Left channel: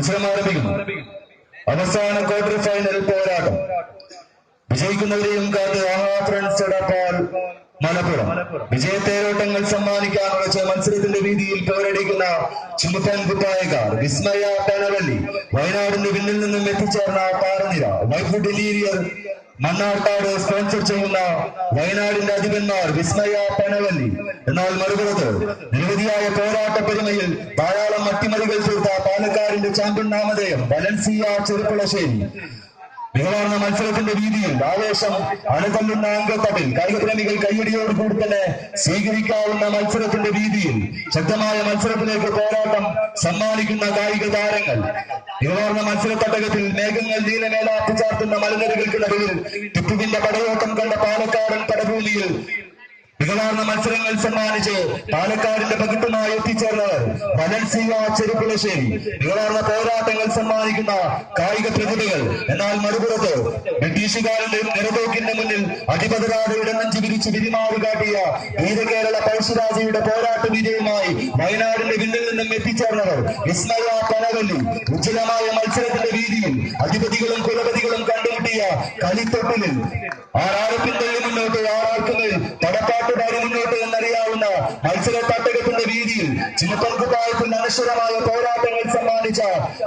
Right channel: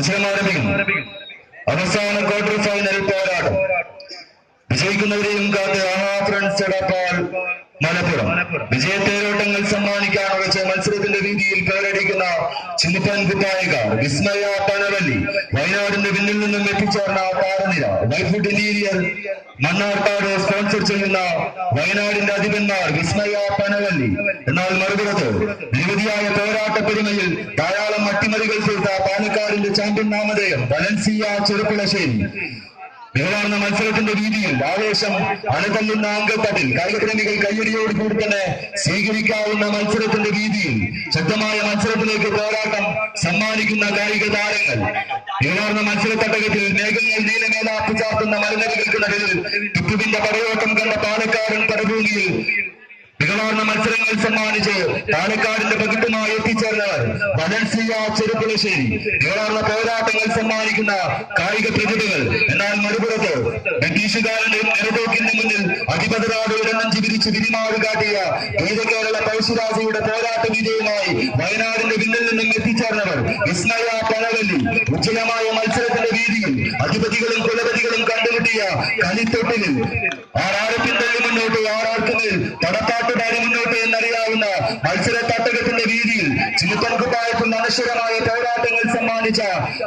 മത്സരം ആരംഭിക്കുന്നു. അവസാന ക്വാർട്ടർ ഫൈനൽ പോരാട്ടം. വിജയിക്കുന്നവരെയും കാത്ത് ആഹാ ഫ്രണ്ട്സ് എടപ്പാൾ മലപ്പുറം വിജയത്തേരോട്ടങ്ങൾ സമ്മാനിക്കാൻ ഉറച്ച മത്സരത്തിന്റെ രീതിയിൽ പോരടിക്കുന്ന ചുമപ്പൻ കുപ്പായക്കാർ വിസ്മയ പനവല്ലി. വയനാടിന്റെ പിന്നിൽ നിന്നും എത്തിച്ചേർന്ന താരനിര വൈഫുഡ് ഇന്റീരിയർ മണ്ണാർക്കാട് സ്പോൺസർ ചെയ്യുന്ന വയനാടിന്റെ അധിപന്മാർ വിസ്മയ പനവല്ലി. എന്നാൽ മറുപുറത്ത് നിരവധിയായ പോരാട്ട പെരുമയിൽ ധാരാളം അട്ടിമറികൾ തീർത്ത പാലക്കാടിന്റെ ചാമ്പ്യൻ നാമധേയം വലൻസിയ ചെറുപ്പുളശ്ശേരി. മികവാർന്ന മത്സരത്തിന്റെ രീതിയിൽ ആവേശം അണതല്ലുന്ന അംഗത്തട്ടിൽ കായികപ്രേമികൾ കയ്യടിയോട് കൂടി തന്നെ സ്വീകരിക്കാവുന്ന മത്സരത്തിന്റെ രീതിയിൽ ശക്തമായ മത്സരത്തിലേക്ക് പോരാട്ടം സമ്മാനിക്കുന്ന കായിക താരങ്ങൾ. മികവാർന്ന മത്സരത്തട്ടകത്തിൽ മേഘങ്ങൾ നീലമേലാപ്പ് ചാർത്തുന്ന മലനിരകൾക്ക് നടുവിൽ ടിപ്പുവിന്റെ പടയോട്ടം കണ്ട പാലക്കാടൻ പടഭൂമിയിൽ മികവാർന്ന മത്സരങ്ങൾ സമ്മാനിച്ച് പാലക്കാടിന്റെ പകിട്ടുമായി എത്തിച്ചേർന്നവർ വലൻസിയ ചെറുപ്പുളശ്ശേരി. മികവാർന്ന പോരാട്ടങ്ങൾ സമ്മാനിക്കുന്ന കായിക പ്രതിഭകൾ. എന്നാൽ മറുപുറത്ത് ബ്രിട്ടീഷുകാരന്റെ നിറതോക്കിന്റെ മുന്നിൽ അധിപതരാതെ ഇടനെഞ്ചി വിരിച്ച് വിരിമാറ് കാട്ടിയ വീരകേരള പഴശ്ശിരാജയുടെ പോരാട്ട വിജയവുമായി വയനാടിന്റെ പിന്നിൽ നിന്നും എത്തിച്ചേർന്നവർ വിസ്മയ പനവല്ലി. ഉജ്ജ്വലമായ മത്സരത്തിന്റെ രീതിയിൽ അധിപതികളും കുലപതികളും കണ്ടുമുട്ടിയ കളിത്തൊട്ടിലിൽ ആറാരത്തിന്റെ മുന്നോട്ട് ആറാർക്കുമേൽ തടപ്പാട്ട് മുന്നോട്ട് എന്നറിയാവുന്ന മത്സര തട്ടകത്തിന്റെ രീതിയിൽ ചുമപ്പൻ കുപ്പായത്തിൽ അനശ്വരമായ പോരാട്ടങ്ങൾ സമ്മാനിച്ച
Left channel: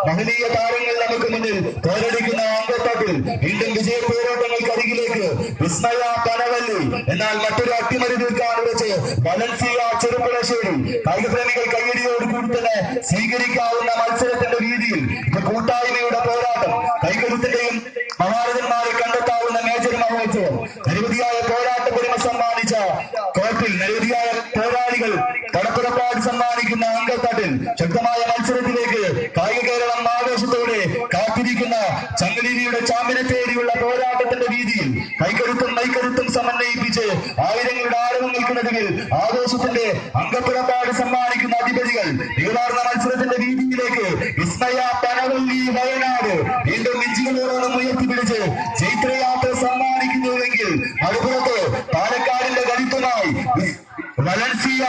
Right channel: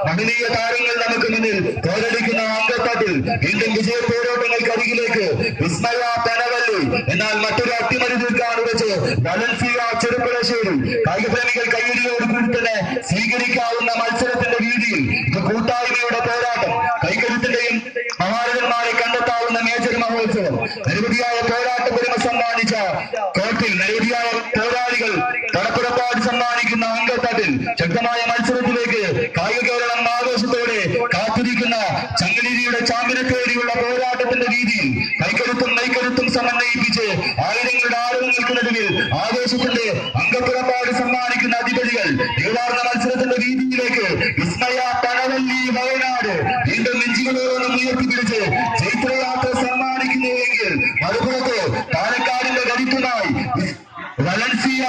മഹനീയ താരങ്ങൾ നമുക്ക് മുന്നിൽ പോരടിക്കുന്ന അംഗത്തട്ടിൽ വീണ്ടും വിജയ പോരാട്ടങ്ങൾക്കരികിലേക്ക് വിസ്മയ പനവല്ലി. എന്നാൽ മറ്റൊരു അട്ടിമറി തീർക്കാൻ വെച്ച് വലൻസിയ ചെറുപ്പുളശ്ശേരി. കായികപ്രേമികൾ കയ്യടിയോട് കൂടി തന്നെ സ്വീകരിക്കാവുന്ന മത്സരത്തിന്റെ രീതിയിൽ ഇത് കൂട്ടായ്മയുടെ പോരാട്ടം. കൈക്കരുത്തിന്റെയും മഹാരഥന്മാരെ കണ്ടെത്താവുന്ന മേജർ മഹോത്സവം. നിരവധിയായ പോരാട്ട പുരമ സമ്മാനിച്ച കോർട്ടിൽ നിരവധിയായ പോരാളികൾ കടപ്പുറപ്പാട് സമ്മാനിക്കുന്ന അംഗത്തട്ടിൽ ശക്തമായ മത്സരത്തിലേക്ക് കായിക കേരളം ആവേശത്തോടെ കാത്തിരിക്കുന്ന ചങ്ങലേരിയുടെ ചാമ്പ്യനെ തേടിയുള്ള പോരാട്ടത്തിന്റെ രീതിയിൽ കൈക്കരുത്തും നൈക്കരുത്തും സമന്വയിപ്പിച്ച് ആയിരങ്ങളുടെ ആരവങ്ങൾക്ക് നടുവിൽ ആവേശത്തിന്റെ അംഗപ്പുറപ്പാട് സമ്മാനിക്കുന്ന അധിപതികൾ. മികവാർന്ന മത്സരത്തിന്റെ രീതിയിലേക്ക് വിസ്മയ പനവല്ലി വയനാട് വീണ്ടും ഇഞ്ചികളോളം ഉയർത്തിപ്പിടിച്ച് ചൈത്രയാത്ര സമ്മാനിക്കുന്നുവെങ്കിൽ മറുപുറത്ത് പാലക്കാടിന്റെ കരുത്തുമായി വലൻസിയ.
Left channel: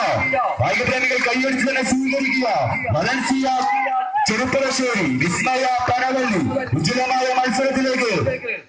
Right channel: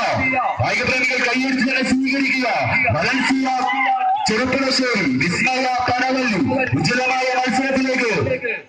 കായികപ്രേമികൾ കൈയടിച്ച് തന്നെ സ്വീകരിക്കുക വലൻസിയ ചെറുപ്പുളശ്ശേരി വിസ്മയ പനവല്ലി. ഉജ്ജ്വലമായ മത്സരത്തിലേക്ക്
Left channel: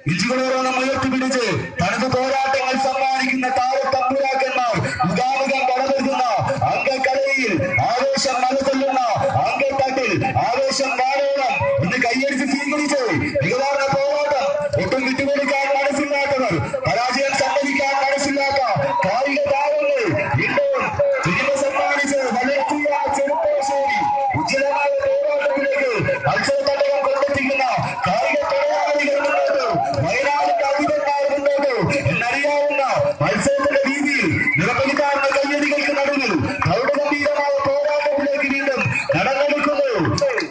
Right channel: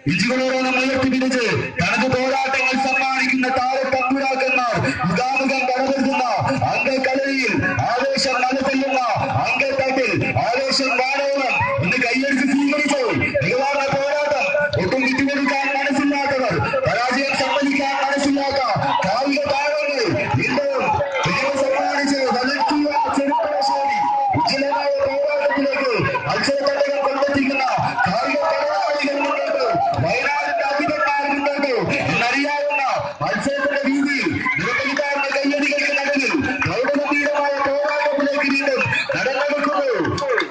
ഇഞ്ചുകളോളം ഉയർത്തിപ്പിടിച്ച് തനത് പോരാട്ടങ്ങൾ സമ്മാനിക്കുന്ന താരത്തമ്പുരാക്കന്മാർ മുഖാമുഖം പടവെടുക്കുന്ന അംഗക്കളരിയിൽ ആവേശം മലതല്ലുന്ന അംഗത്തട്ടിൽ ആവേശം വാടോളം ഇന്ന് കൈയടിച്ച് സ്വീകരിച്ചു. മികവാർന്ന പോരാട്ടം. ഒട്ടും വിട്ടുകൊടുക്കാൻ മനസ്സില്ലാത്തവർ, പരാജയം സമ്മതിക്കാൻ മനസ്സില്ലാത്ത കായിക താരങ്ങൾ വീണ്ടും വിജയം സമ്മാനിച്ച് വലൻസിയ ചെറുപ്പുളശ്ശേരി. ഉജ്ജ്വലമായ പോരാട്ടത്തിലേക്ക് മത്സരത്തട്ടകം കൊണ്ടെത്തിക്കുന്ന കായിക പോരാളികൾ മുന്നോട്ട്, വയനാടിന്റെ അധിപന്മാർ മുന്നോട്ട് എന്നറിയാവുന്ന മത്സരത്തിന്റെ രീതിയിൽ നിറപ്പെടുത്താവുന്ന കയ്യടികൾക്ക് നടുവിൽ പ്രൗഢഗംഭീരമായ പോരാട്ടത്തിലേക്ക് വീണ്ടും നടന്നെടുക്കുന്നു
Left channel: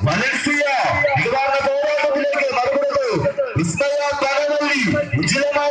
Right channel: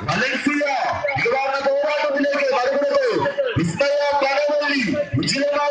വലൻസിയ. മികവാർന്ന പോരാട്ടത്തിലേക്ക് മറുപുറത്ത് വിസ്മയ പനവല്ലി. ഉജ്ജ്വലമായ